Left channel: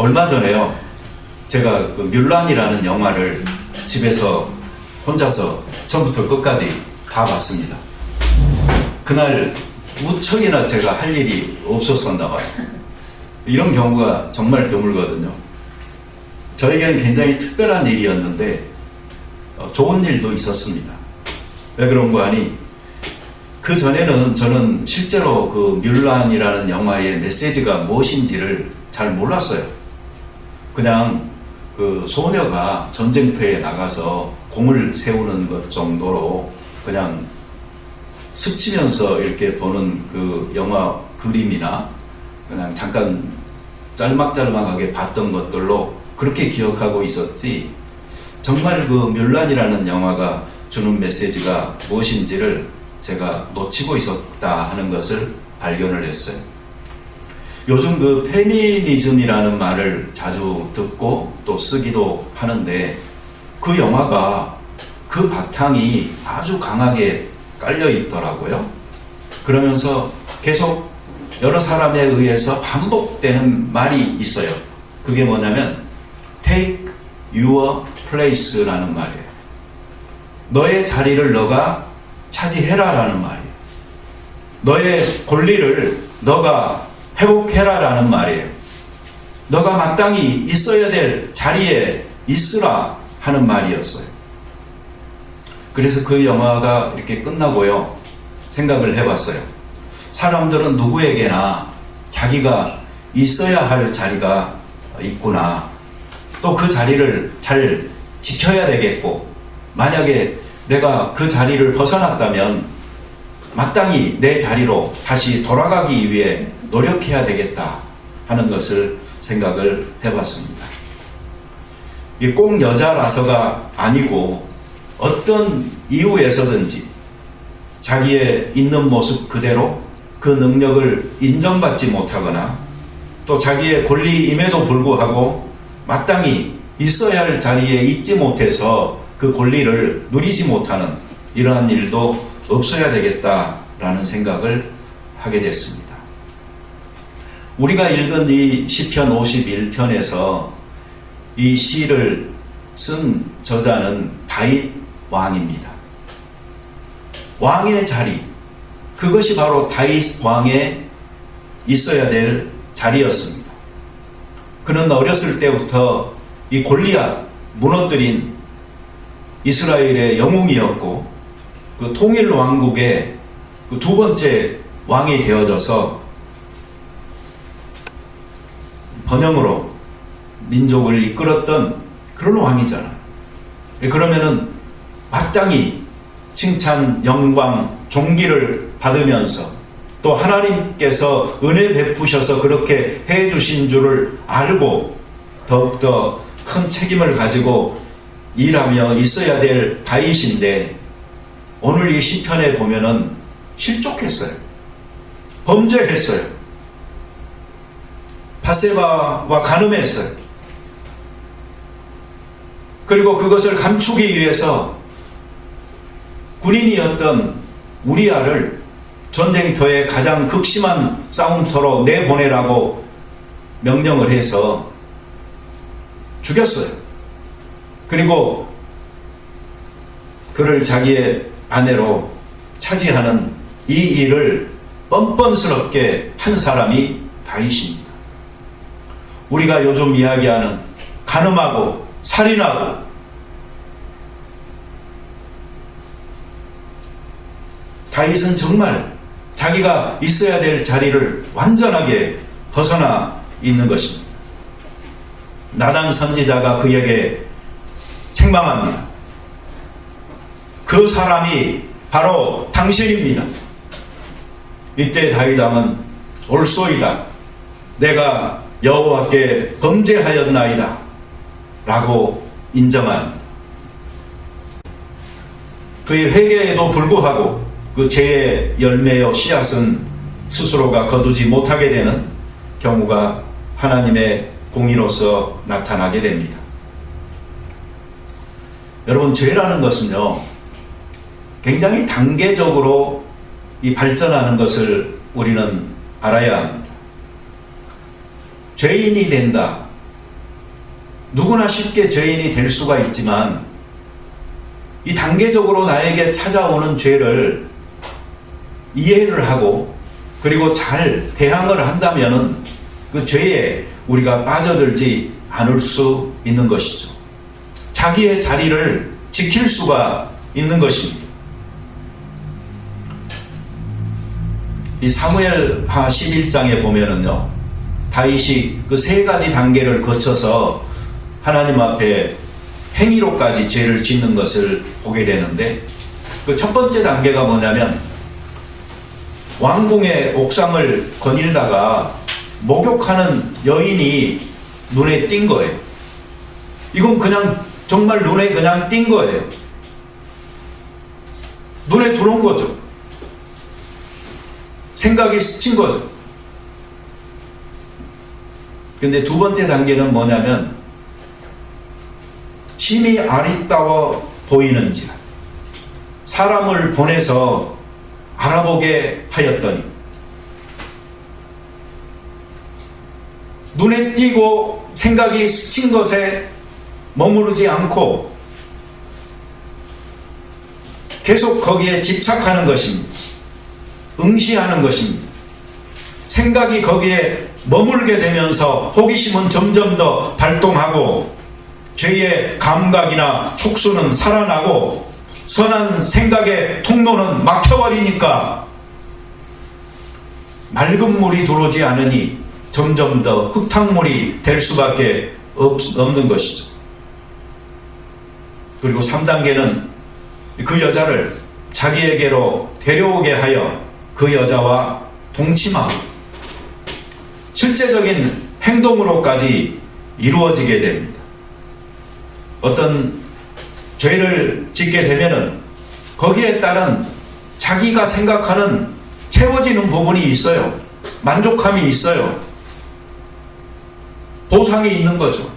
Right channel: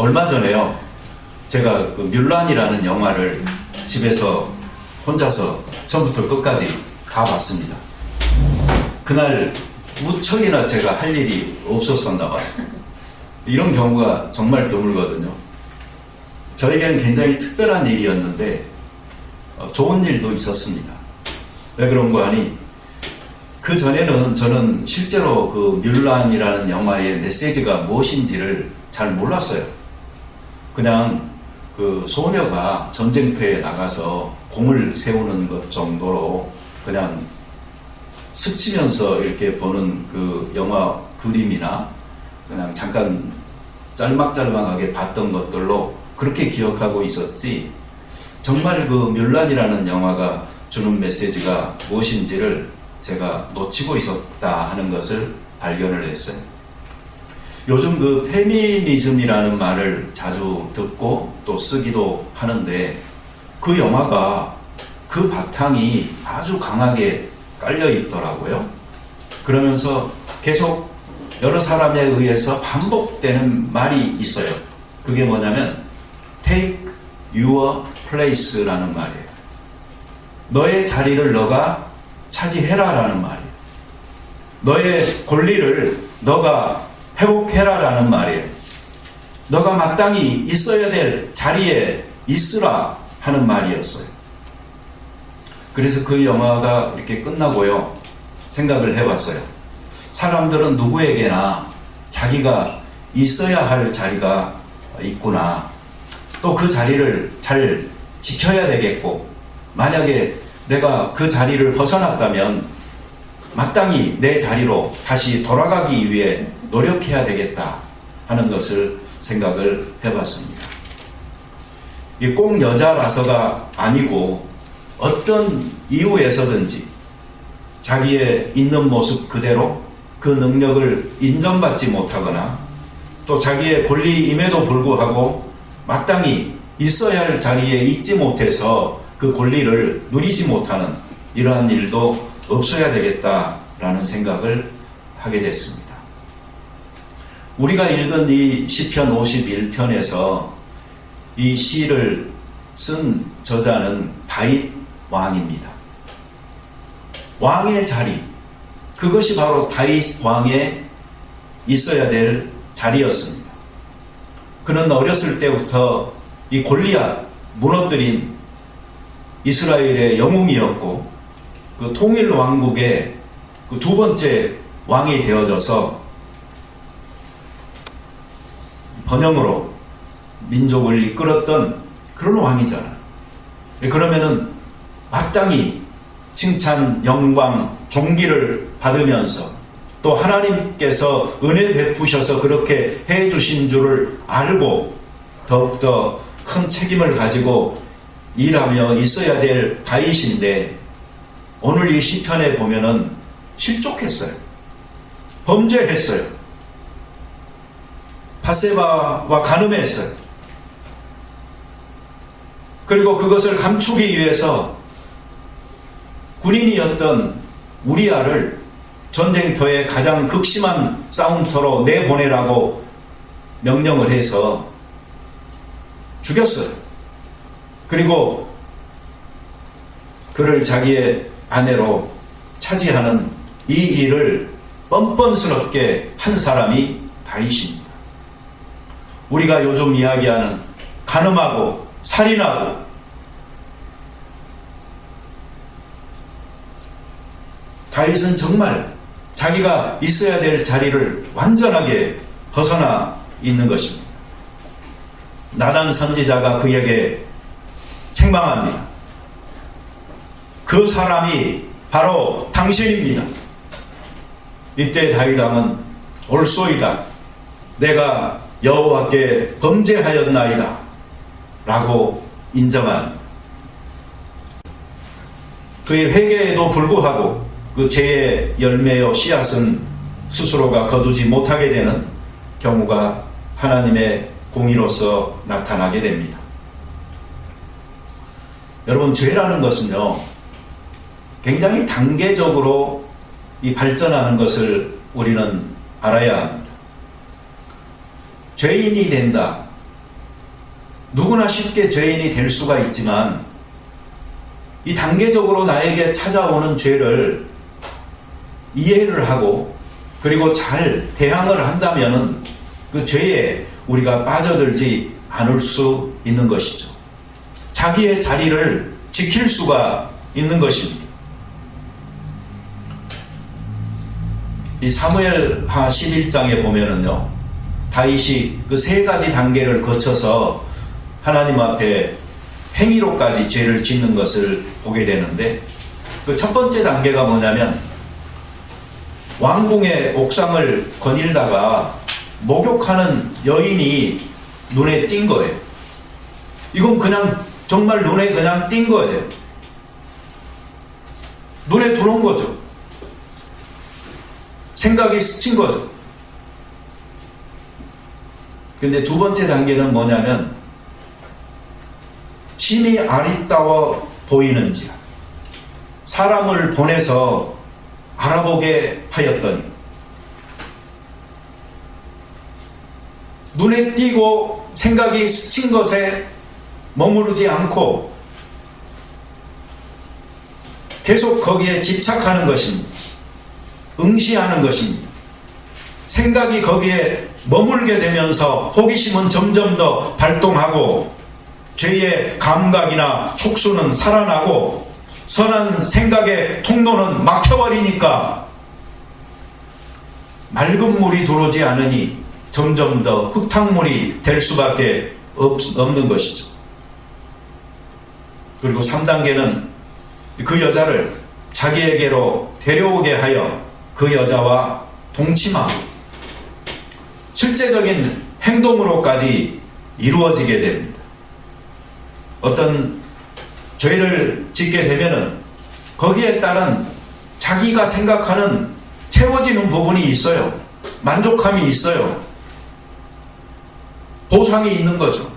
얼마 전에요, 제가 그 뮬란이라는 영화를 집에서 혼자서 처음부터 끝까지 다 봤습니다. 그날 무척이나 제가 할 일이 없었었나 봐요. 이런 경우가 정말 드물거든요. 저에게는 굉장히 특별한 일이었는데 좋은 일도 있었습니다. 왜 그런 거 아니? 그 전에는 저는 실제로 그 뮬란이라는 영화의 메시지가 무엇인지를 잘 몰랐어요. 그냥 그 소녀가 전쟁터에 나가서 공을 세우는 것 정도로 그냥 스치면서 이렇게 보는 그 영화 그림이나 그냥 잠깐 짤막짤막하게 봤던 것들로 그렇게 기억하고 있었지, 정말 그 뮬란이라는 영화가 주는 메시지가 무엇인지를 제가 놓치고 있었다 하는 것을 발견을 했어요. 요즘 그 페미니즘이라는 말을 자주 듣고 또 쓰기도 하는데, 그 영화가 그 바탕이 아주 강하게 깔려 있더라고요. 그러면서 계속 여러 사람에 의해서 반복되는 말이 있어요. 그게 뭐냐면 Take your place라는 말이에요. 너의 자리를 너가 차지해라 라는 말이에요. 너의 권리를 너가 회복해라 라는 말이에요. 너가 마땅히 있어야 될 자리에 있으라 하는 말이었어요. 그래서 그 영화가 이렇게 끝나고요, 생각을 해봤어요. 사람들은 누구에게나 자기가 있어야 할 자리가 있구나. 또 그 자리를 잘 지켜야 되겠고, 만약에 내가 그 자리를 벗어났다면 마땅히 내 자리로 다시 돌아가기 위해 노력해야 되겠다 하는 것을 생각을 해봤습니다. 이 꼭 여자라서가 아니고 어떤 이유에서든지 자기의 있는 모습 그대로 그 능력을 인정받지 못하거나 또 자기의 권리임에도 불구하고 마땅히 있어야 할 자리에 있지 못해서 그 권리를 누리지 못하는 이러한 일도 없어야 되겠다라는 생각을 하게 됐습니다. 우리가 읽은 이 시편 51편에서 이 시를 쓴 저자는 다윗 왕입니다. 왕의 자리, 그것이 바로 다윗 왕에 있어야 될 자리였습니다. 그는 어렸을 때부터 이 골리앗 무너뜨린 이스라엘의 영웅이었고, 그 통일 왕국의 그 두 번째 왕이 되어져서 번영으로 민족을 이끌었던 그런 왕이잖아요. 그러면은 마땅히 칭찬, 영광, 존귀를 받으면서 또 하나님께서 은혜 베푸셔서 그렇게 해주신 줄을 알고 더욱더 큰 책임을 가지고 일하며 있어야 될 다윗인데, 오늘 이 시편에 보면은 실족했어요. 범죄했어요. 바세바와 간음했어요. 그리고 그것을 감추기 위해서 군인이었던 우리아를 전쟁터에 가장 극심한 싸움터로 내보내라고 명령을 해서 죽였어요. 그리고 그를 자기의 아내로 차지하는 이 일을 뻔뻔스럽게 한 사람이 다윗입니다. 우리가 요즘 이야기하는 간음하고 살인하고 다윗은 정말 자기가 있어야 될 자리를 완전하게 벗어나 있는 것입니다. 나단 선지자가 그에게 책망합니다. 그 사람이 바로 당신입니다. 이때 다윗 왕은 옳소이다, 내가 여호와께 범죄하였나이다 라고 인정합니다. 그의 회개에도 불구하고 그 죄의 열매요 씨앗은 스스로가 거두지 못하게 되는 경우가 하나님의 공의로서 나타나게 됩니다. 여러분, 죄라는 것은요, 굉장히 단계적으로 이 발전하는 것을 우리는 알아야 합니다. 죄인이 된다, 누구나 쉽게 죄인이 될 수가 있지만 이 단계적으로 나에게 찾아오는 죄를 이해를 하고 그리고 잘 대항을 한다면 그 죄에 우리가 빠져들지 않을 수 있는 것이죠. 자기의 자리를 지킬 수가 있는 것입니다. 이 사무엘하 11장에 보면은요, 다윗이 그 세 가지 단계를 거쳐서 하나님 앞에 행위로까지 죄를 짓는 것을 보게 되는데, 그 첫 번째 단계가 뭐냐면 왕궁의 옥상을 거닐다가 목욕하는 여인이 눈에 띈 거예요. 이건 그냥 정말 눈에 그냥 띈 거예요. 눈에 들어온 거죠. 생각이 스친 거죠. 근데 두 번째 단계는 뭐냐면 심히 아리따워 보이는지라 사람을 보내서 알아보게 하였더니 눈에 띄고 생각이 스친 것에 머무르지 않고 계속 거기에 집착하는 것입니다. 응시하는 것입니다. 생각이 거기에 머물게 되면서 호기심은 점점 더 발동하고 죄의 감각이나 촉수는 살아나고 선한 생각의 통로는 막혀버리니까 맑은 물이 들어오지 않으니 점점 더 흙탕물이 될 수밖에 없는 것이죠. 그리고 3단계는 그 여자를 자기에게로 데려오게 하여 그 여자와 동침하고 실제적인 행동으로까지 이루어지게 됩니다. 어떤 죄를 짓게 되면은 거기에 따른 자기가 생각하는 채워지는 부분이 있어요. 만족함이 있어요. 보상이 있는 거죠.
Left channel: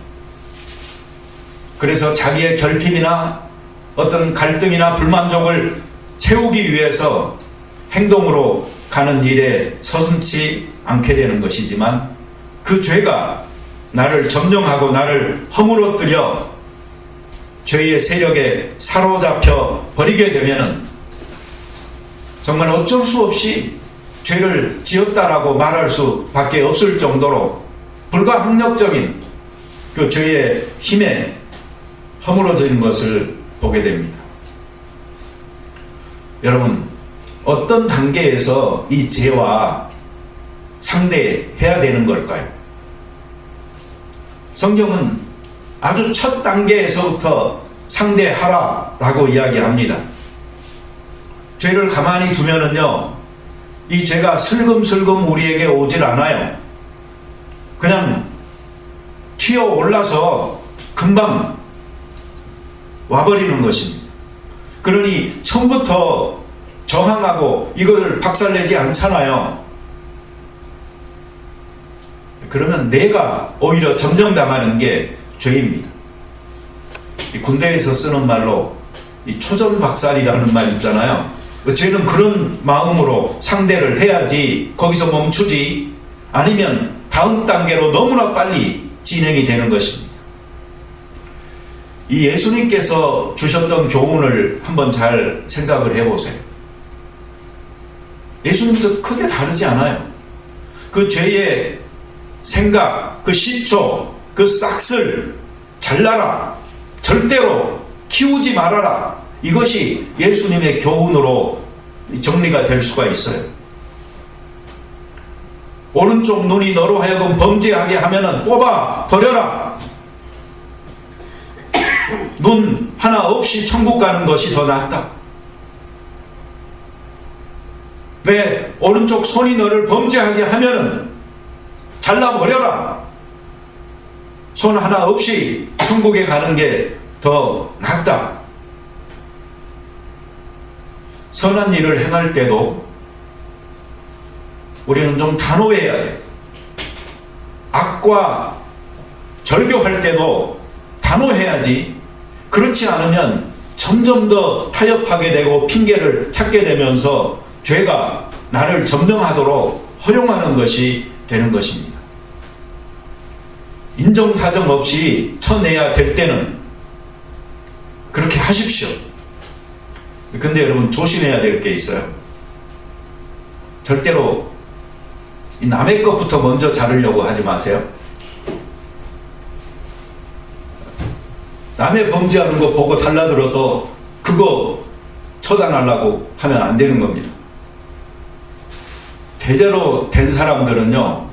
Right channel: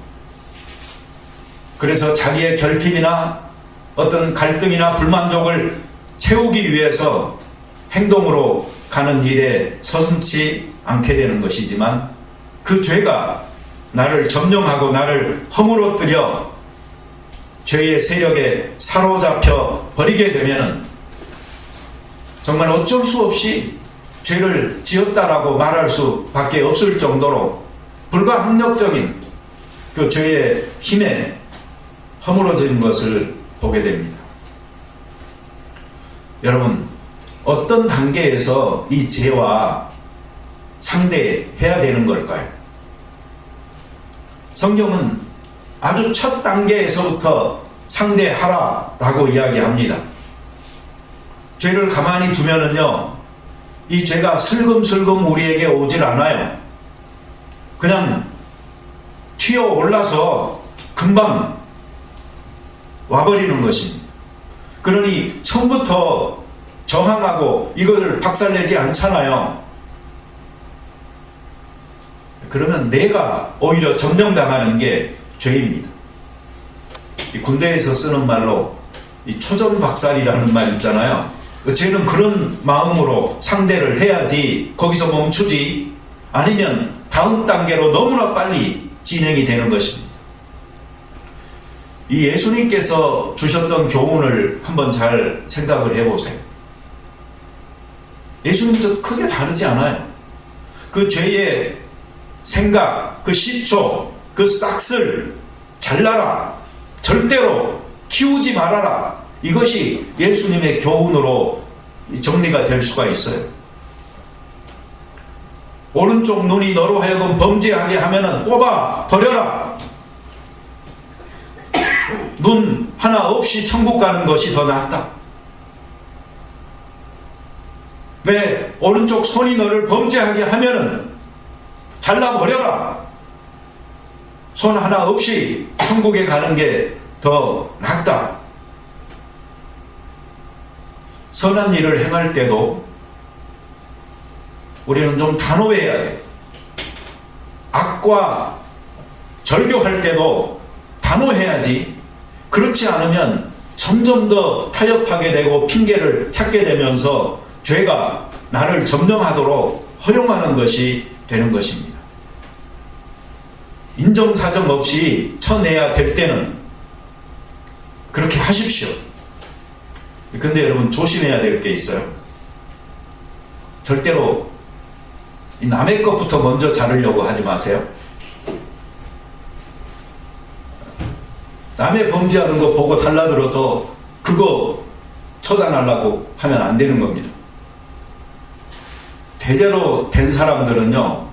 그래서 자기의 결핍이나 어떤 갈등이나 불만족을 채우기 위해서 행동으로 가는 일에 서슴지 않게 되는 것이지만 그 죄가 나를 점령하고 나를 허물어뜨려 죄의 세력에 사로잡혀 버리게 되면은 정말 어쩔 수 없이 죄를 지었다라고 말할 수밖에 없을 정도로 불가항력적인 그 죄의 힘에 허물어지는 것을 보게 됩니다. 여러분, 어떤 단계에서 이 죄와 상대해야 되는 걸까요? 성경은 아주 첫 단계에서부터 상대하라라고 이야기합니다. 죄를 가만히 두면은요, 이 죄가 슬금슬금 우리에게 오질 않아요. 그냥 튀어 올라서 금방 와버리는 것입니다. 그러니 처음부터 저항하고 이걸 박살내지 않잖아요. 그러면 내가 오히려 점령당하는 게 죄입니다. 군대에서 쓰는 말로 이 초전박살이라는 말 있잖아요. 죄는 그런 마음으로 상대를 해야지 거기서 멈추지 아니면 다음 단계로 너무나 빨리 진행이 되는 것입니다. 이 예수님께서 주셨던 교훈을 한번 잘 생각을 해보세요. 예수님도 크게 다르지 않아요. 그 죄의 생각, 그 시초, 그 싹쓸 잘라라, 절대로 키우지 말아라, 이것이 예수님의 교훈으로 정리가 될 수가 있어요. 오른쪽 눈이 너로 하여금 범죄하게 하면은 뽑아 버려라. 눈 하나 없이 천국 가는 것이 더 낫다. 왜 오른쪽 손이 너를 범죄하게 하면은 잘라버려라. 손 하나 없이 천국에 가는 게 더 낫다. 선한 일을 행할 때도 우리는 좀 단호해야 해. 악과 절교할 때도 단호해야지. 그렇지 않으면 점점 더 타협하게 되고 핑계를 찾게 되면서 죄가 나를 점령하도록 허용하는 것이 되는 것입니다. 인정사정 없이 쳐내야 될 때는 그렇게 하십시오. 근데 여러분 조심해야 될 게 있어요. 절대로 남의 것부터 먼저 자르려고 하지 마세요. 남의 범죄하는 거 보고 달라들어서 그거 처단하려고 하면 안 되는 겁니다. 대대로 된 사람들은요,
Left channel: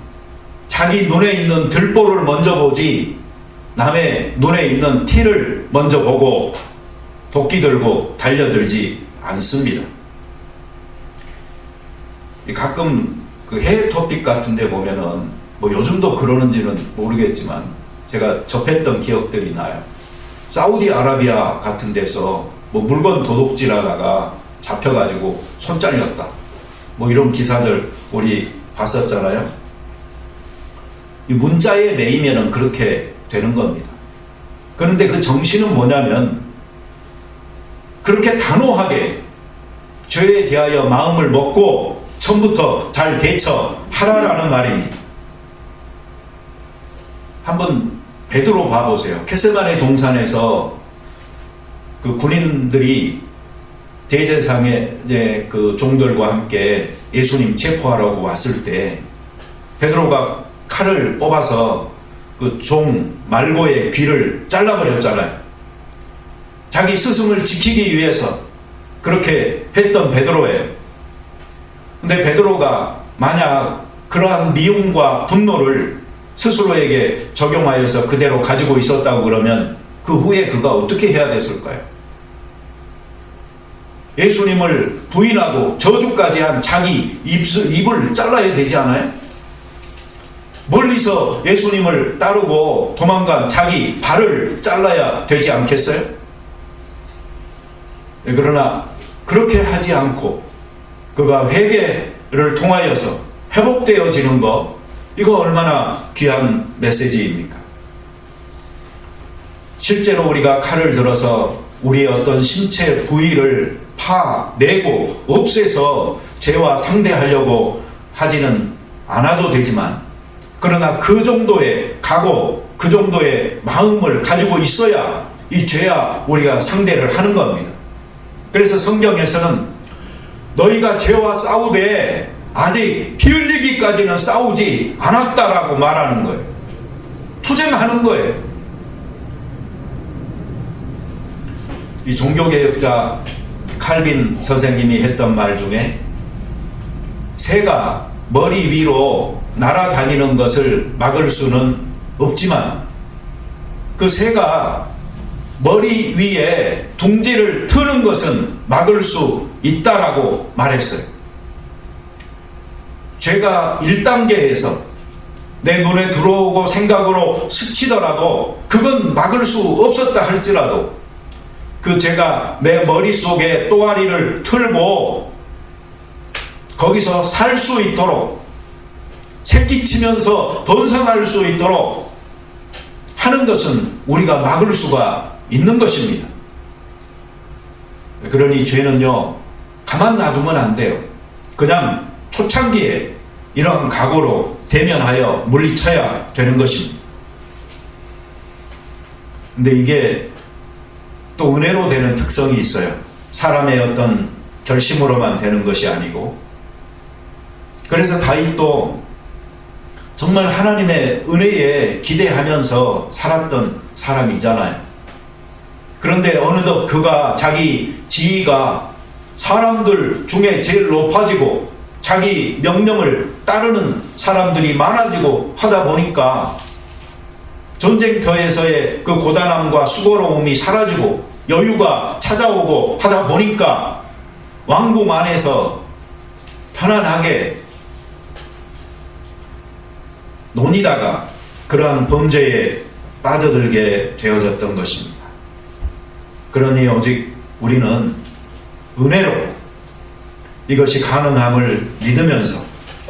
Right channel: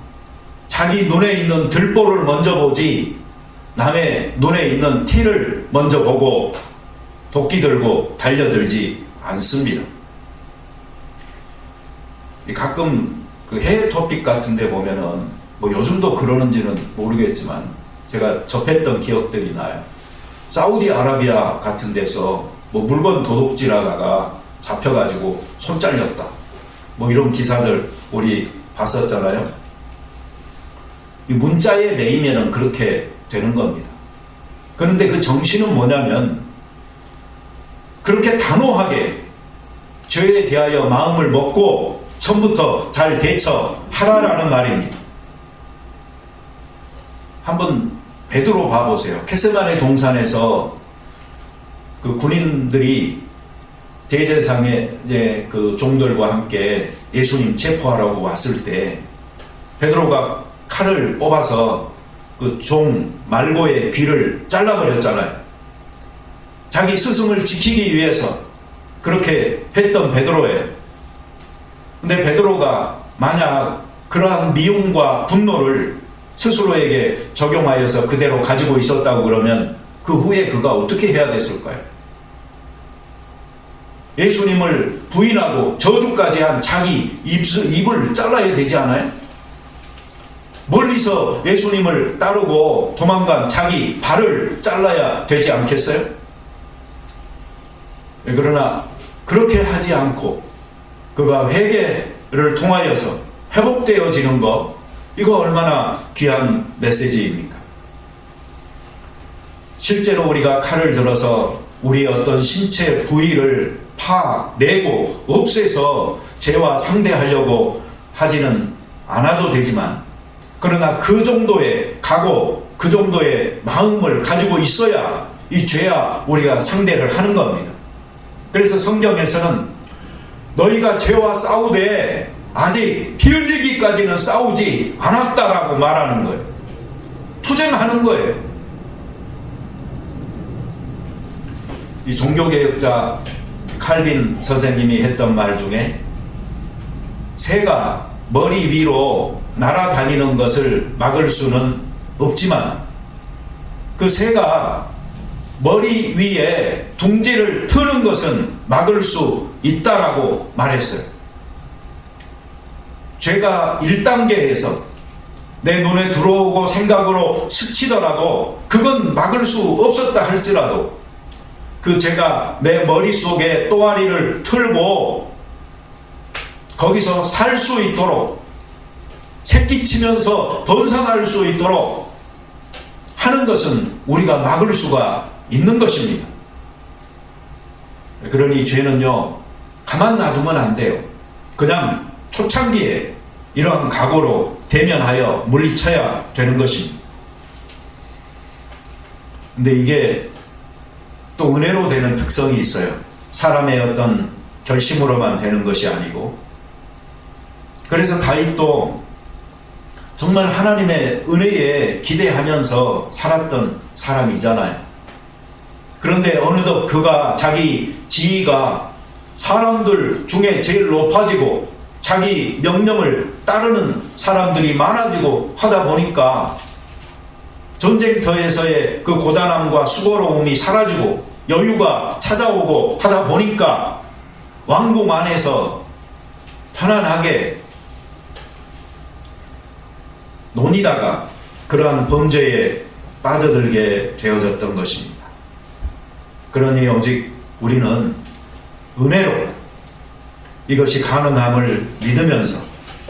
자기 눈에 있는 들보를 먼저 보지 남의 눈에 있는 티를 먼저 보고 도끼 들고 달려들지 않습니다. 가끔 그 해외 토픽 같은 데 보면은 뭐 요즘도 그러는지는 모르겠지만 제가 접했던 기억들이 나요. 사우디아라비아 같은 데서 뭐 물건 도둑질하다가 잡혀가지고 손 잘렸다, 뭐 이런 기사들 우리 봤었잖아요. 이 문자에 매이면은 그렇게 되는 겁니다. 그런데 그 정신은 뭐냐면 그렇게 단호하게 죄에 대하여 마음을 먹고 처음부터 잘 대처하라라는 말입니다. 한번 베드로 봐보세요. 겟세마네 동산에서 그 군인들이 대제사장의 이제 그 종들과 함께 예수님 체포하라고 왔을 때 베드로가 칼을 뽑아서 그 종 말고의 귀를 잘라버렸잖아요. 자기 스승을 지키기 위해서 그렇게 했던 베드로예요. 근데 베드로가 만약 그러한 미움과 분노를 스스로에게 적용하여서 그대로 가지고 있었다고 그러면 그 후에 그가 어떻게 해야 됐을까요? 예수님을 부인하고 저주까지 한 자기 입을 잘라야 되지 않아요? 멀리서 예수님을 따르고 도망간 자기 발을 잘라야 되지 않겠어요? 그러나 그렇게 하지 않고 그가 회개를 통하여서 회복되어지는 것, 이거 얼마나 귀한 메시지입니까? 실제로 우리가 칼을 들어서 우리 어떤 신체 부위를 파내고 없애서 죄와 상대하려고 하지는 않아도 되지만, 그러나 그 정도의 각오, 그 정도의 마음을 가지고 있어야 이 죄와 우리가 상대를 하는 겁니다. 그래서 성경에서는 너희가 죄와 싸우되 아직 피 흘리기까지는 싸우지 않았다라고 말하는 거예요. 투쟁하는 거예요. 이 종교개혁자 칼빈 선생님이 했던 말 중에 새가 머리 위로 날아다니는 것을 막을 수는 없지만 그 새가 머리 위에 둥지를 트는 것은 막을 수 있다라고 말했어요. 죄가 1단계에서 내 눈에 들어오고 생각으로 스치더라도 그건 막을 수 없었다 할지라도 그 죄가 내 머릿속에 또아리를 틀고 거기서 살 수 있도록, 새끼치면서 벗어날 수 있도록 하는 것은 우리가 막을 수가 있는 것입니다. 그러니 죄는요, 가만 놔두면 안 돼요. 그냥 초창기에 이런 각오로 대면하여 물리쳐야 되는 것입니다. 근데 이게 또 은혜로 되는 특성이 있어요. 사람의 어떤 결심으로만 되는 것이 아니고, 그래서 다윗도 정말 하나님의 은혜에 기대하면서 살았던 사람이잖아요. 그런데 어느덧 그가 자기 지위가 사람들 중에 제일 높아지고 자기 명령을 따르는 사람들이 많아지고 하다 보니까 전쟁터에서의 그 고단함과 수고로움이 사라지고 여유가 찾아오고 하다 보니까 왕궁 안에서 편안하게 논이다가 그러한 범죄에 빠져들게 되어졌던 것입니다. 그러니 오직 우리는 은혜로 이것이 가능함을 믿으면서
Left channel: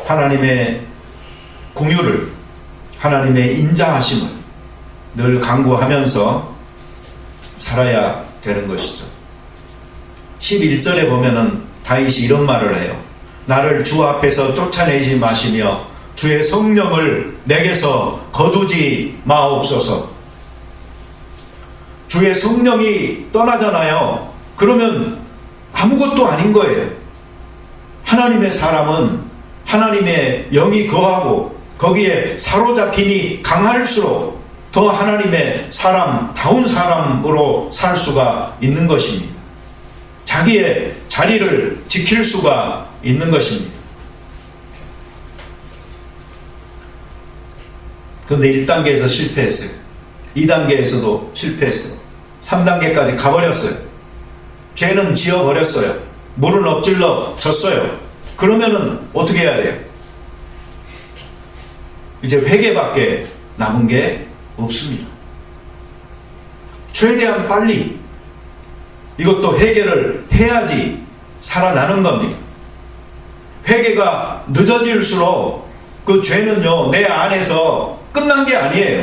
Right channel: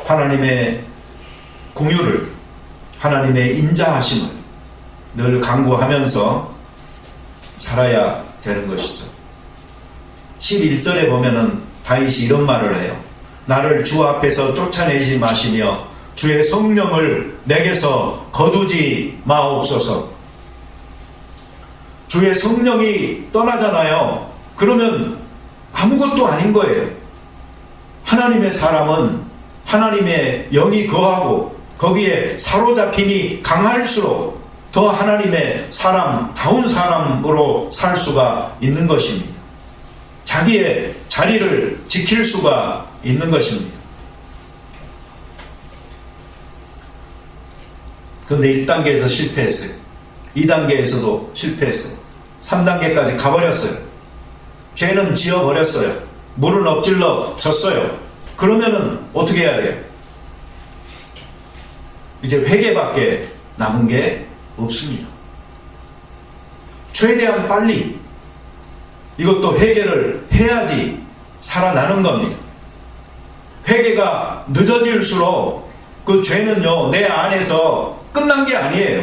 하나님의 공유를, 하나님의 인자하심을 늘 간구하면서 살아야 되는 것이죠. 11절에 보면은 다윗이 이런 말을 해요. 나를 주 앞에서 쫓아내지 마시며 주의 성령을 내게서 거두지 마옵소서. 주의 성령이 떠나잖아요. 그러면 아무것도 아닌 거예요. 하나님의 사람은 하나님의 영이 거하고 거기에 사로잡힘이 강할수록 더 하나님의 사람다운 사람으로 살 수가 있는 것입니다. 자기의 자리를 지킬 수가 있는 것입니다. 그런데 1단계에서 실패했어요. 2단계에서도 실패했어요. 3단계까지 가버렸어요. 죄는 지어버렸어요. 물을 엎질러 졌어요. 그러면은 어떻게 해야 돼요? 이제 회개밖에 남은 게 없습니다. 최대한 빨리 이것도 회개를 해야지 살아나는 겁니다. 회개가 늦어질수록 그 죄는요, 내 안에서 끝난 게 아니에요.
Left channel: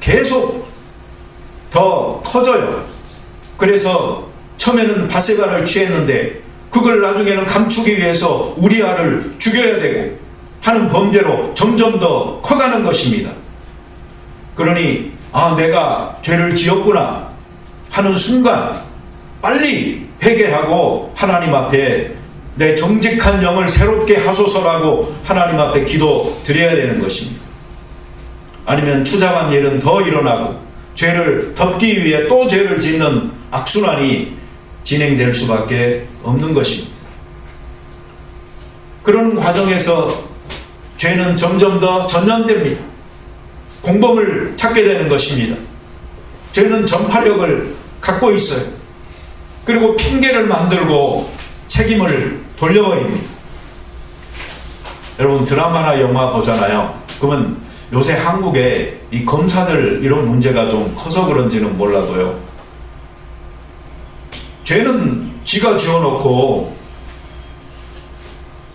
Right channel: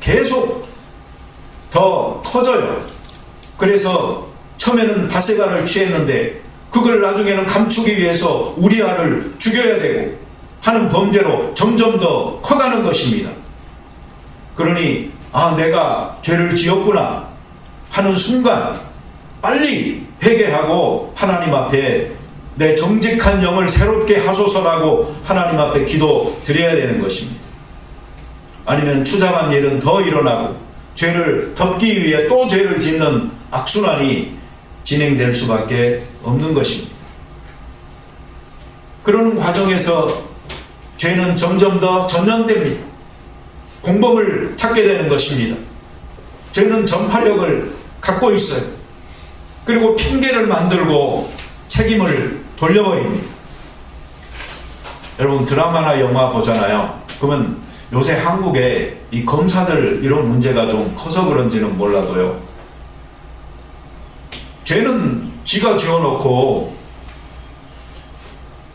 계속 더 터져요. 그래서 처음에는 바세바를 취했는데 그걸 나중에는 감추기 위해서 우리아를 죽여야 되고 하는 범죄로 점점 더 커가는 것입니다. 그러니 내가 죄를 지었구나 하는 순간 빨리 회개하고 하나님 앞에 내 정직한 영을 새롭게 하소서라고 하나님 앞에 기도 드려야 되는 것입니다. 아니면 추잡한 일은 더 일어나고 죄를 덮기 위해 또 죄를 짓는 악순환이 진행될 수밖에 없는 것입니다. 그런 과정에서 죄는 점점 더 전염됩니다. 공범을 찾게 되는 것입니다. 죄는 전파력을 갖고 있어요. 그리고 핑계를 만들고 책임을 돌려버립니다. 여러분 드라마나 영화 보잖아요. 그러면 요새 한국에 이 검사들 이런 문제가 좀 커서 그런지는 몰라도요. 죄는 지가 지어놓고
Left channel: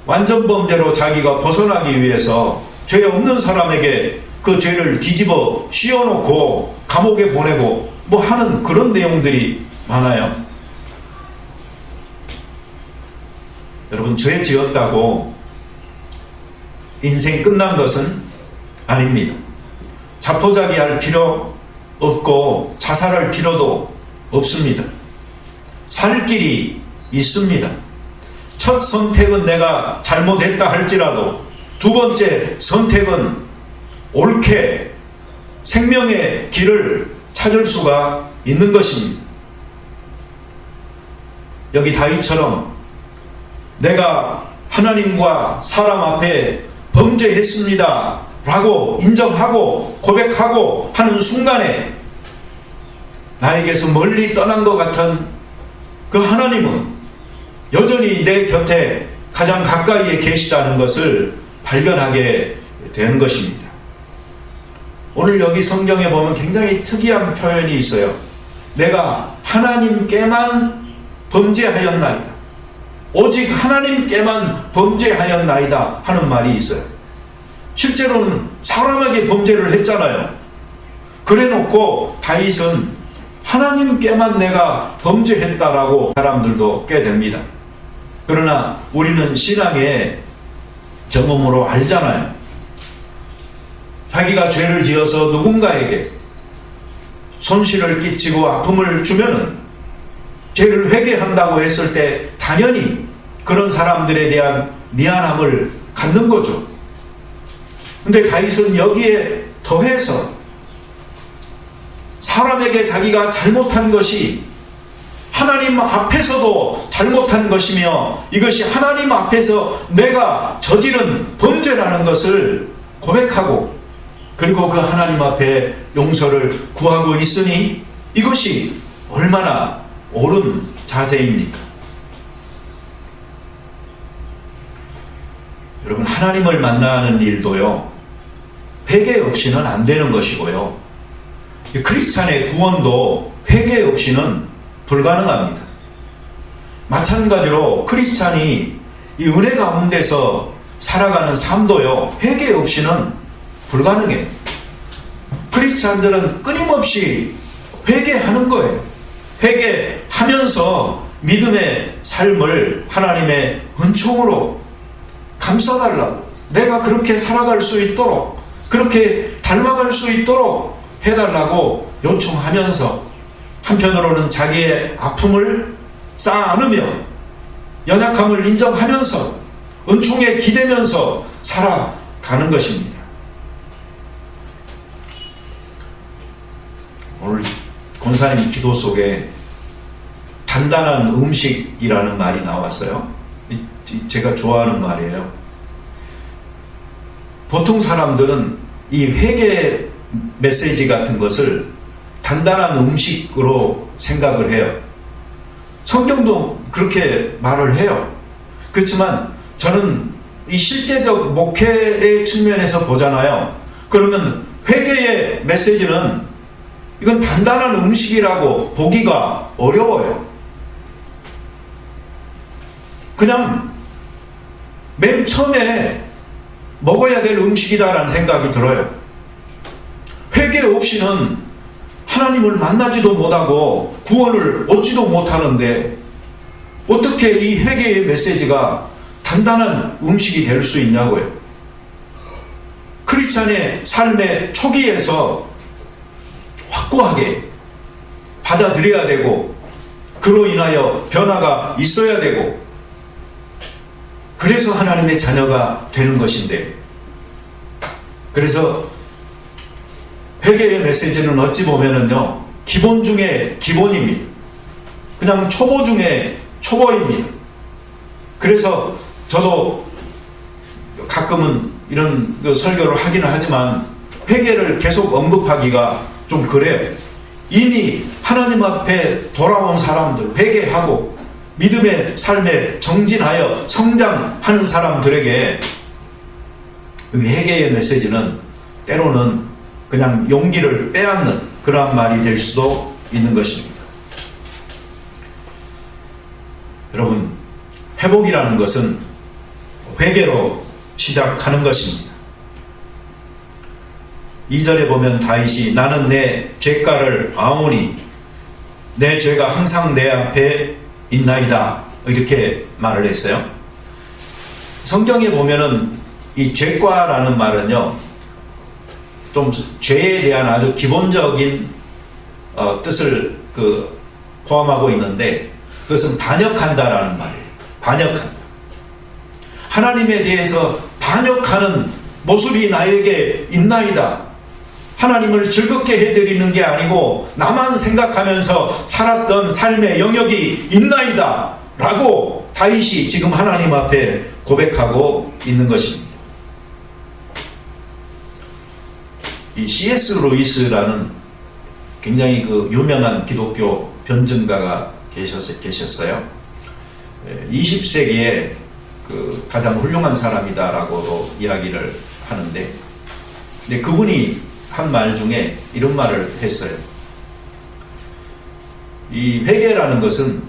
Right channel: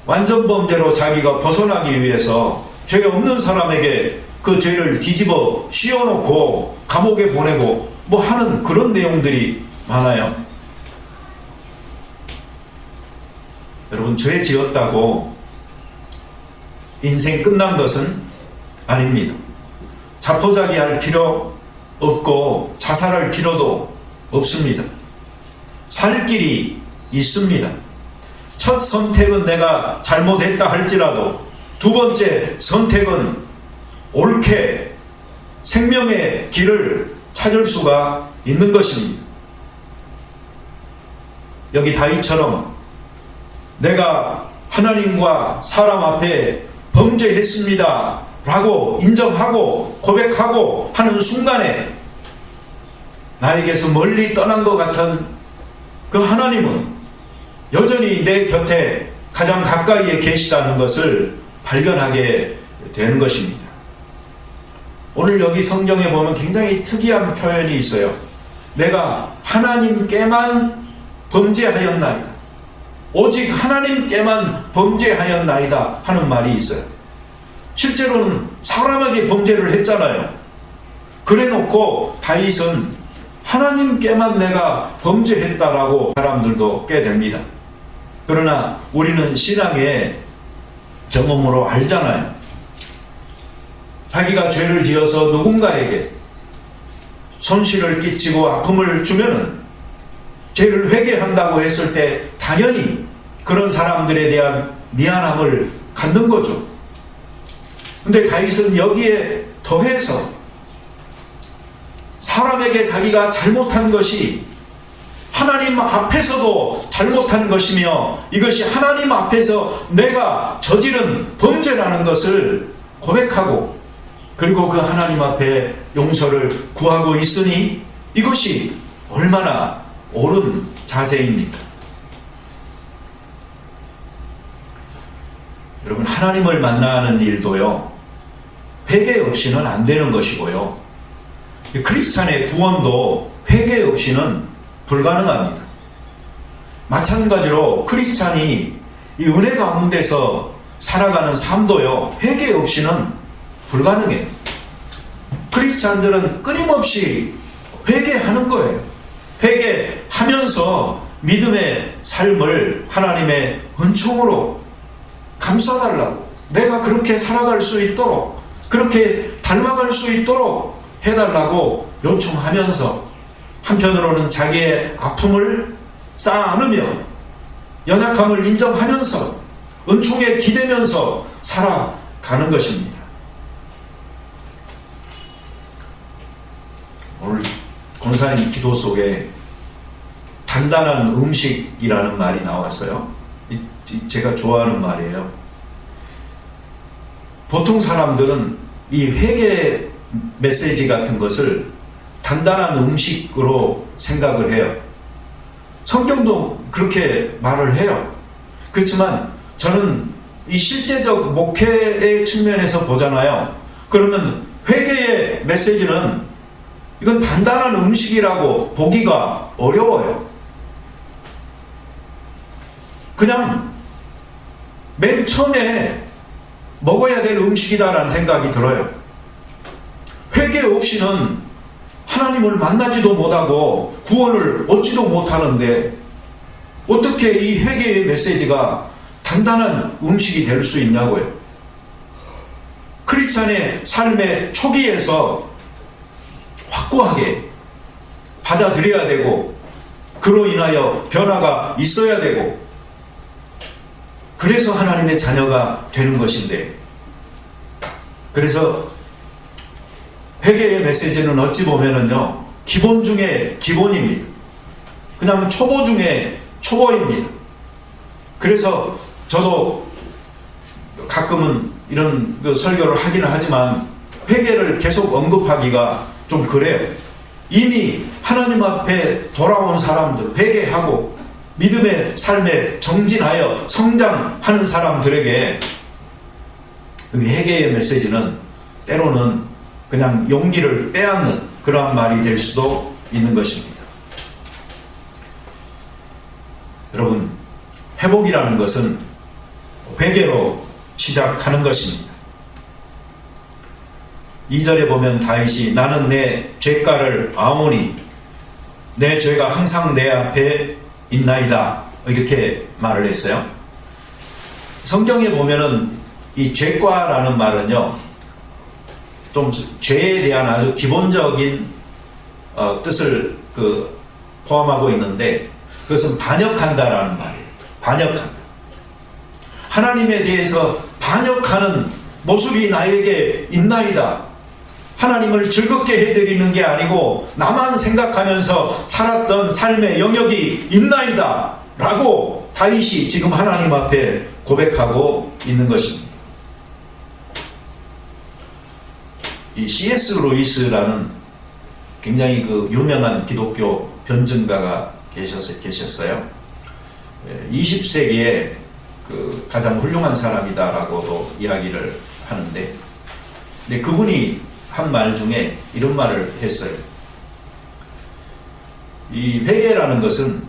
완전 범죄로 자기가 벗어나기 위해서 죄 없는 사람에게 그 죄를 뒤집어 씌워놓고 감옥에 보내고 뭐 하는 그런 내용들이 많아요. 여러분 죄 지었다고 인생 끝난 것은 아닙니다. 자포자기할 필요 없고 자살할 필요도 없습니다. 살 길이 있습니다. 첫 선택은 내가 잘못했다 할지라도 두 번째 선택은 옳게 생명의 길을 찾을 수가 있는 것입니다. 여기 다윗처럼 내가 하나님과 사람 앞에 범죄했습니다 라고 인정하고 고백하고 하는 순간에 나에게서 멀리 떠난 것 같은 그 하나님은 여전히 내 곁에 가장 가까이에 계시다는 것을 발견하게 되는 것입니다. 오늘 여기 성경에 보면 굉장히 특이한 표현이 있어요. 내가 하나님께만 범죄하였나이다. 오직 하나님께만 범죄하였나이다 하는 말이 있어요. 실제로는 사람에게 범죄를 했잖아요. 그래놓고 다윗은 하나님께만 내가 범죄했다라고 사람들도 꽤 됩니다. 그러나 우리는 신앙의 경험으로 알잖아요. 자기가 죄를 지어서 누군가에게 손실을 끼치고 아픔을 주면은 죄를 회개한다고 했을 때 당연히 그런 사람들에 대한 미안함을 갖는 거죠. 근데 다윗은 여기에 더해서 사람에게 자기가 잘못한 것이 하나님 앞에서도 잘못한 것이며 이것이 하나님 앞에서 내가 저지른 범죄라는 것을 고백하고 그리고 그 하나님 앞에 용서를 구하고 있으니 이것이 얼마나 옳은 자세입니까? 여러분 하나님을 만나는 일도요 회개 없이는 안 되는 것이고요 크리스찬의 구원도 회개 없이는 불가능합니다. 마찬가지로 크리스찬이 이 은혜 가운데서 살아가는 삶도요 회개 없이는 불가능해요. 크리스찬들은 끊임없이 회개하는 거예요. 회개하면서 믿음의 삶을 하나님의 은총으로 감싸달라고 내가 그렇게 살아갈 수 있도록, 그렇게 닮아갈 수 있도록 해달라고 요청하면서 한편으로는 자기의 아픔을 쌓아안으며 연약함을 인정하면서 은총에 기대면서 살아가는 것입니다. 오늘 권사님 기도 속에 단단한 음식이라는 말이 나왔어요. 제가 좋아하는 말이에요. 보통 사람들은 이 회개 메시지 같은 것을 단단한 음식으로 생각을 해요. 성경도 그렇게 말을 해요. 그렇지만 저는 이 실제적 목회의 측면에서 보잖아요. 그러면 회개의 메시지는 이건 단단한 음식이라고 보기가 어려워요. 그냥 맨 처음에 먹어야 될 음식이다라는 생각이 들어요. 회개 없이는 하나님을 만나지도 못하고 구원을 얻지도 못하는데 어떻게 이 회개의 메시지가 단단한 음식이 될 수 있냐고요. 크리스찬의 삶의 초기에서 확고하게 받아들여야 되고 그로 인하여 변화가 있어야 되고 그래서 하나님의 자녀가 되는 것인데, 그래서 회개의 메시지는 어찌 보면은요 기본 중에 기본입니다. 그냥 초보 중에 초보입니다. 그래서 저도 가끔은 이런 설교를 하기는 하지만 회개를 계속 언급하기가 좀 그래요. 이미 하나님 앞에 돌아온 사람들, 회개하고 믿음의 삶에 정진하여 성장하는 사람들에게 회개의 메시지는 때로는 그냥 용기를 빼앗는 그런 말이 될 수도 있는 것입니다. 여러분, 회복이라는 것은 회개로 시작하는 것입니다. 2절에 보면 다윗이 나는 내 죄가를 아오니 내 죄가 항상 내 앞에 있나이다 이렇게 말을 했어요. 성경에 보면은 이 죄과라는 말은요 좀 죄에 대한 아주 기본적인 뜻을 포함하고 있는데 그것은 반역한다라는 말이에요. 반역한다. 하나님에 대해서 반역하는 모습이 나에게 있나이다. 하나님을 즐겁게 해드리는 게 아니고 나만 생각하면서 살았던 삶의 영역이 있나이다 라고 다윗이 지금 하나님 앞에 고백하고 있는 것입니다. 이 C.S. 로이스라는 굉장히 유명한 기독교 변증가가 계셨어요. 20세기에 가장 훌륭한 사람이다라고 이야기를 하는데 그분이 한 말 중에 이런 말을 했어요. 이 회개라는 것은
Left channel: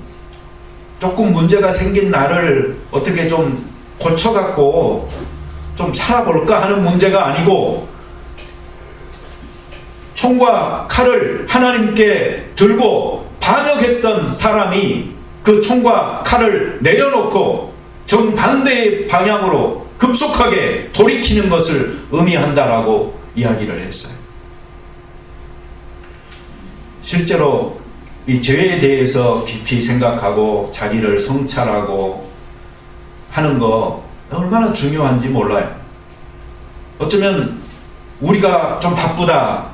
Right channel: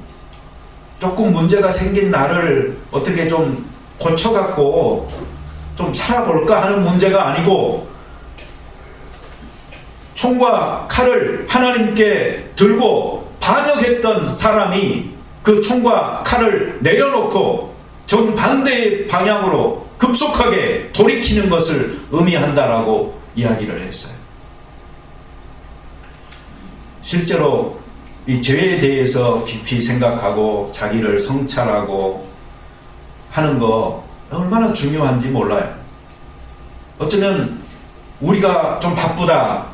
조금 문제가 생긴 나를 어떻게 좀 고쳐갖고 좀 살아볼까 하는 문제가 아니고 총과 칼을 하나님께 들고 반역했던 사람이 그 총과 칼을 내려놓고 정반대의 방향으로 급속하게 돌이키는 것을 의미한다라고 이야기를 했어요. 실제로 이 죄에 대해서 깊이 생각하고 자기를 성찰하고 하는 거 얼마나 중요한지 몰라요. 어쩌면 우리가 좀 바쁘다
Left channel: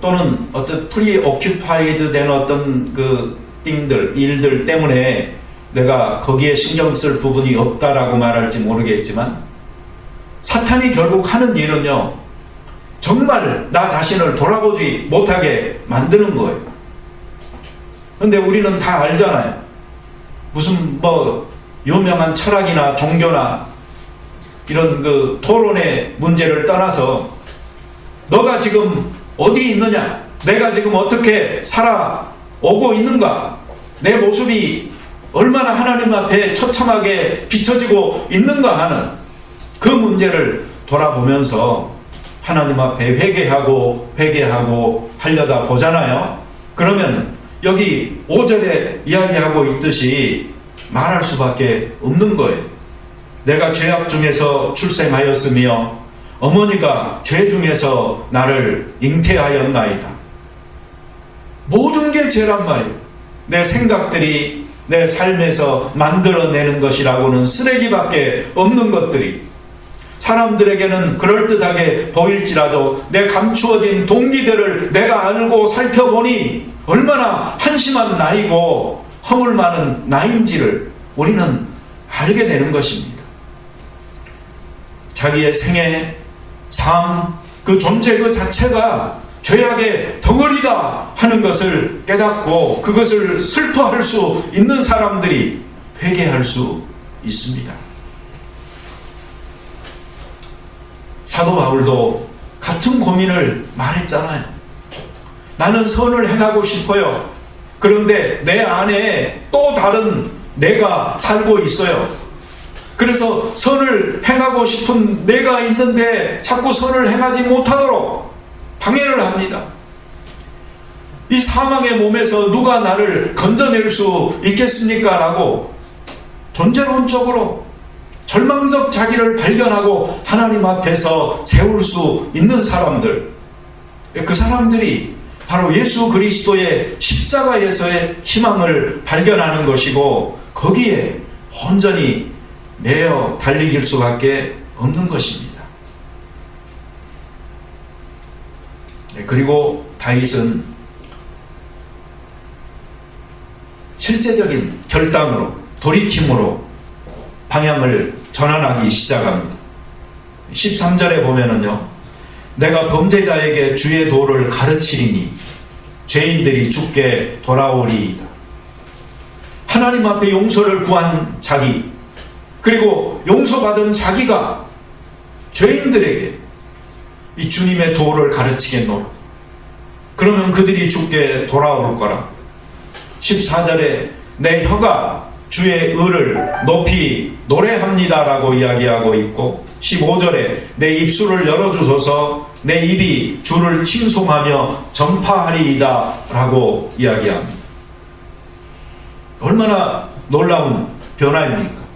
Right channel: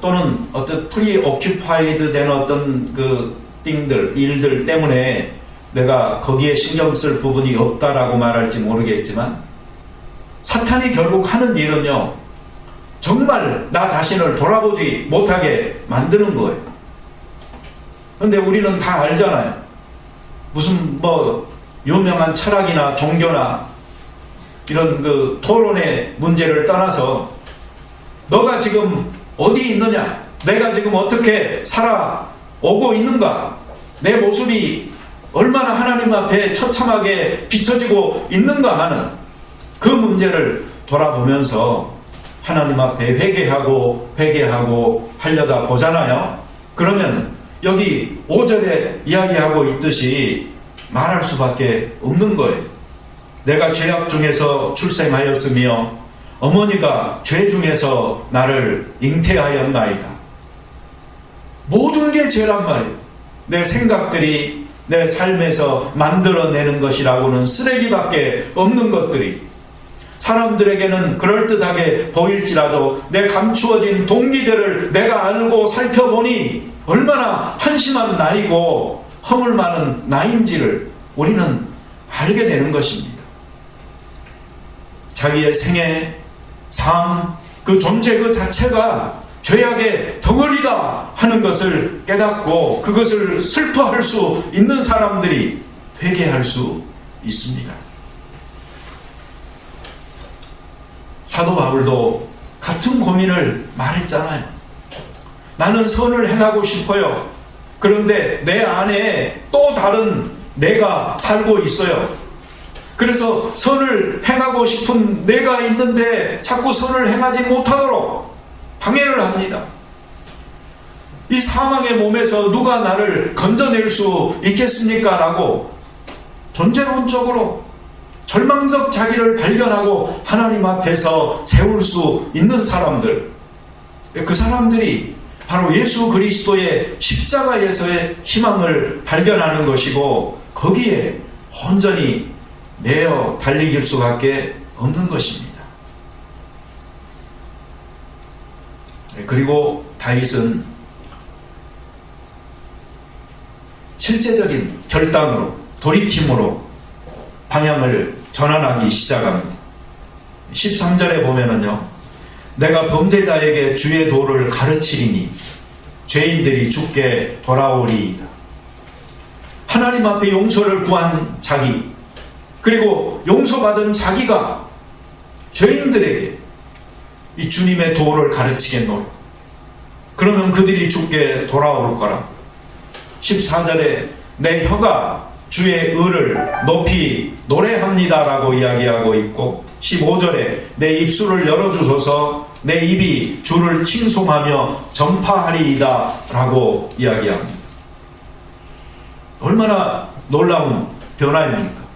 또는 어떤 프리오큐파이드 된 어떤 일들 때문에 내가 거기에 신경 쓸 부분이 없다라고 말할지 모르겠지만 사탄이 결국 하는 일은요 정말 나 자신을 돌아보지 못하게 만드는 거예요. 근데 우리는 다 알잖아요. 무슨 유명한 철학이나 종교나 이런 토론의 문제를 떠나서 너가 지금 어디 있느냐, 내가 지금 어떻게 살아오고 있는가, 내 모습이 얼마나 하나님 앞에 처참하게 비춰지고 있는가, 나는 그 문제를 돌아보면서 하나님 앞에 회개하고 하려다 보잖아요. 그러면 여기 5절에 이야기하고 있듯이 말할 수밖에 없는 거예요. 내가 죄악 중에서 출생하였으며 어머니가 죄 중에서 나를 잉태하였나이다. 모든 게 죄란 말이에요. 내 생각들이 내 삶에서 만들어내는 것이라고는 쓰레기밖에 없는 것들이 사람들에게는 그럴듯하게 보일지라도 내 감추어진 동기들을 내가 알고 살펴보니 얼마나 한심한 나이고 허물 많은 나이인지를 우리는 알게 되는 것입니다. 자기의 생애, 삶, 그 존재 그 자체가 죄악의 덩어리다 하는 것을 깨닫고 그것을 슬퍼할 수 있는 사람들이 회개할 수 있습니다. 사도 바울도 같은 고민을 말했잖아요. 나는 선을 행하고 싶어요. 그런데 내 안에 또 다른 내가 살고 있어요. 그래서 선을 행하고 싶은 내가 있는데 자꾸 선을 행하지 못하도록 방해를 합니다. 이 사망의 몸에서 누가 나를 건져낼 수 있겠습니까? 라고 존재론적으로 절망적 자기를 발견하고 하나님 앞에서 세울 수 있는 사람들, 그 사람들이 바로 예수 그리스도의 십자가에서의 희망을 발견하는 것이고 거기에 온전히 매여 달리길 수밖에 없는 것입니다. 그리고 다윗은 실제적인 결단으로 돌이킴으로 방향을 전환하기 시작합니다. 13절에 보면은요, 내가 범죄자에게 주의 도를 가르치리니 죄인들이 죽게 돌아오리이다. 하나님 앞에 용서를 구한 자기, 그리고 용서받은 자기가 죄인들에게 이 주님의 도를 가르치겠노라. 그러면 그들이 죽게 돌아올 거라. 14절에 내 혀가 주의 의를 높이 노래합니다 라고 이야기하고 있고, 15절에 내 입술을 열어주소서 내 입이 주를 칭송하며 전파하리이다 라고 이야기합니다. 얼마나 놀라운 변화입니까?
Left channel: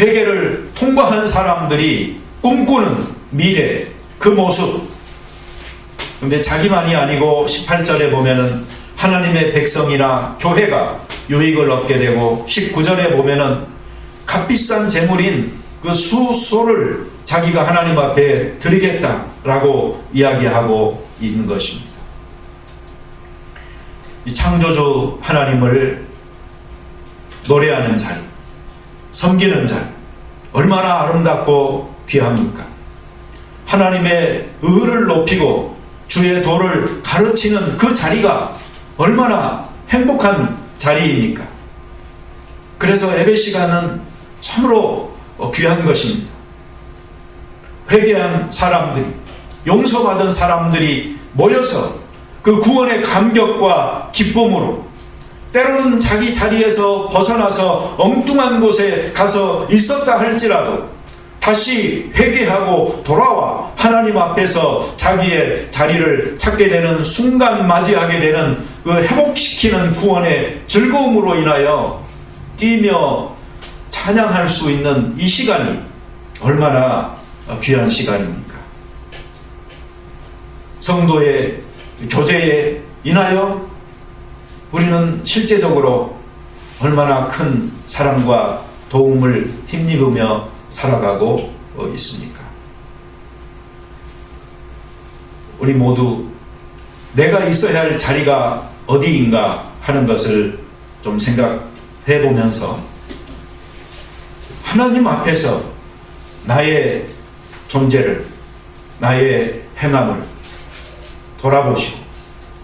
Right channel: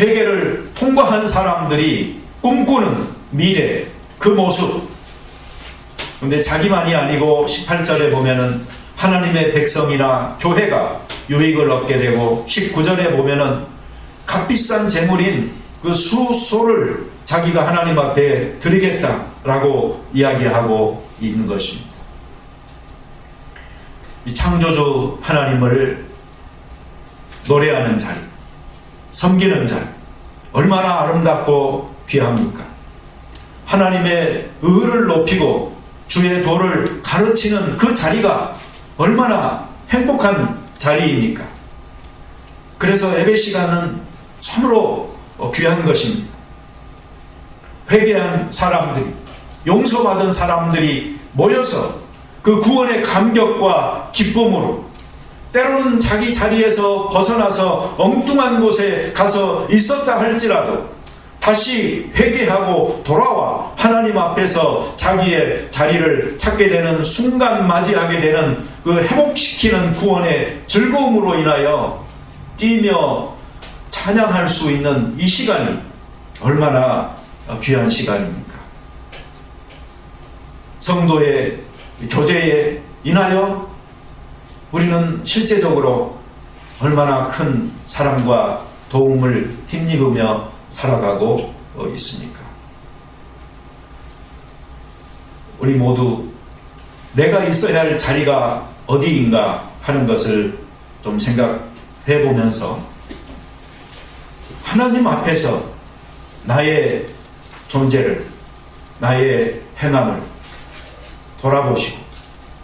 회개를 통과한 사람들이 꿈꾸는 미래, 그 모습. 그런데 자기만이 아니고 18절에 보면은 하나님의 백성이나 교회가 유익을 얻게 되고, 19절에 보면은 값비싼 재물인 그 수소를 자기가 하나님 앞에 드리겠다라고 이야기하고 있는 것입니다. 이 창조주 하나님을 노래하는 자리, 섬기는 자리, 얼마나 아름답고 귀합니까? 하나님의 의를 높이고 주의 도를 가르치는 그 자리가 얼마나 행복한 자리입니까? 그래서 예배 시간은 참으로 귀한 것입니다. 회개한 사람들이, 용서받은 사람들이 모여서 그 구원의 감격과 기쁨으로 때로는 자기 자리에서 벗어나서 엉뚱한 곳에 가서 있었다 할지라도 다시 회개하고 돌아와 하나님 앞에서 자기의 자리를 찾게 되는 순간 맞이하게 되는 그 회복시키는 구원의 즐거움으로 인하여 뛰며 찬양할 수 있는 이 시간이 얼마나 귀한 시간입니까? 성도의 교제에 인하여 우리는 실제적으로 얼마나 큰 사랑과 도움을 힘입으며 살아가고 있습니까? 우리 모두 내가 있어야 할 자리가 어디인가 하는 것을 좀 생각해 보면서 하나님 앞에서 나의 존재를, 나의 행함을 돌아보시고,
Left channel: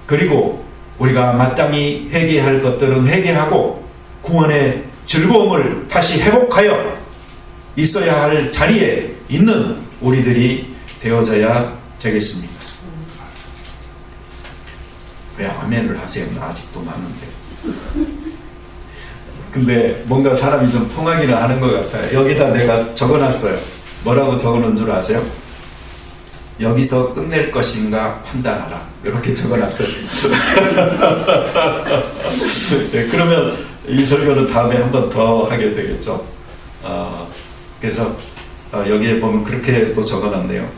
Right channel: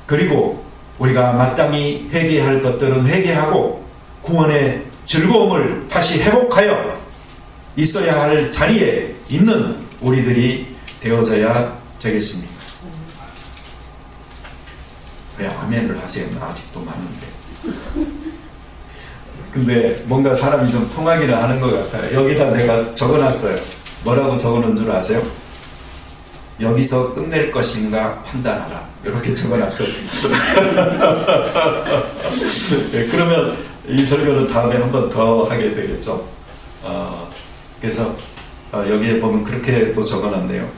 그리고 우리가 마땅히 회개할 것들은 회개하고 구원의 즐거움을 다시 회복하여 있어야 할 자리에 있는 우리들이 되어져야 되겠습니다. 왜 아멘을 하세요? 나 아직도 많은데. 근데 뭔가 사람이 좀 통하기를 하는 것 같아요. 여기다 내가 적어놨어요. 뭐라고 적어놓은 줄 아세요? 여기서 끝낼 것인가 판단하라. 이렇게 적어놨어요. 네, 그러면 이 설교는 다음에 한 번 더 하게 되겠죠. 그래서 여기에 보면 그렇게 또 적어놨네요.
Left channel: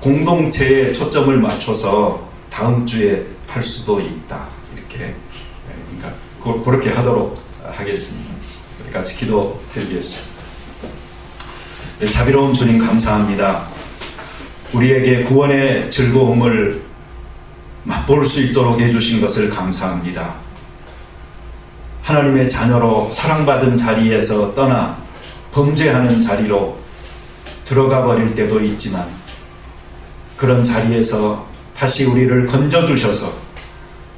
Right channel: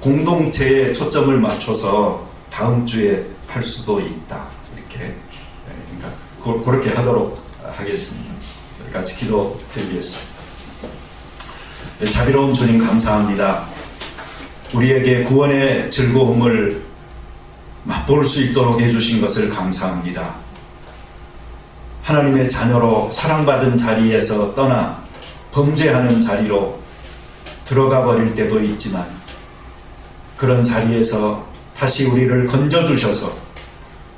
공동체에 초점을 맞춰서 다음 주에 할 수도 있다. 이렇게 그러니까 그렇게 하도록 하겠습니다. 같이 기도 드리겠습니다. 자비로운 주님 감사합니다. 우리에게 구원의 즐거움을 맛볼 수 있도록 해주신 것을 감사합니다. 하나님의 자녀로 사랑받은 자리에서 떠나 범죄하는 자리로 들어가 버릴 때도 있지만 그런 자리에서 다시 우리를 건져주셔서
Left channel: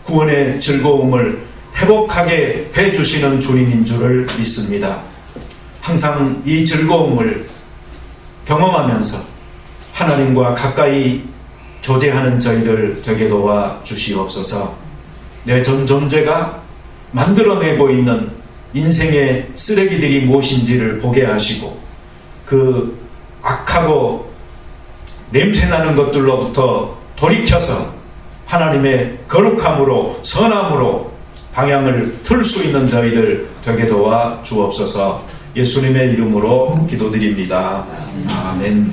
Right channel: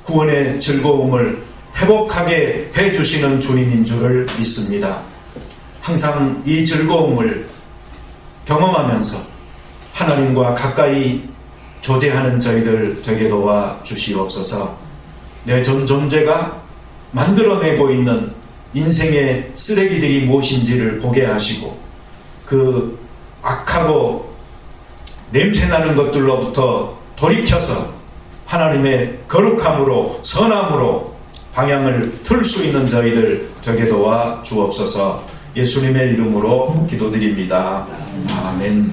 구원의 즐거움을 회복하게 해주시는 주님인 줄을 믿습니다. 항상 이 즐거움을 경험하면서 하나님과 가까이 교제하는 저희들 되게 도와 주시옵소서. 내 전 존재가 만들어내고 있는 인생의 쓰레기들이 무엇인지를 보게 하시고 그 악하고 냄새나는 것들로부터 돌이켜서 하나님의 거룩함으로 선함으로 방향을 틀 수 있는 저희들 되게 도와 주옵소서. 예수님의 이름으로 기도드립니다. 아멘.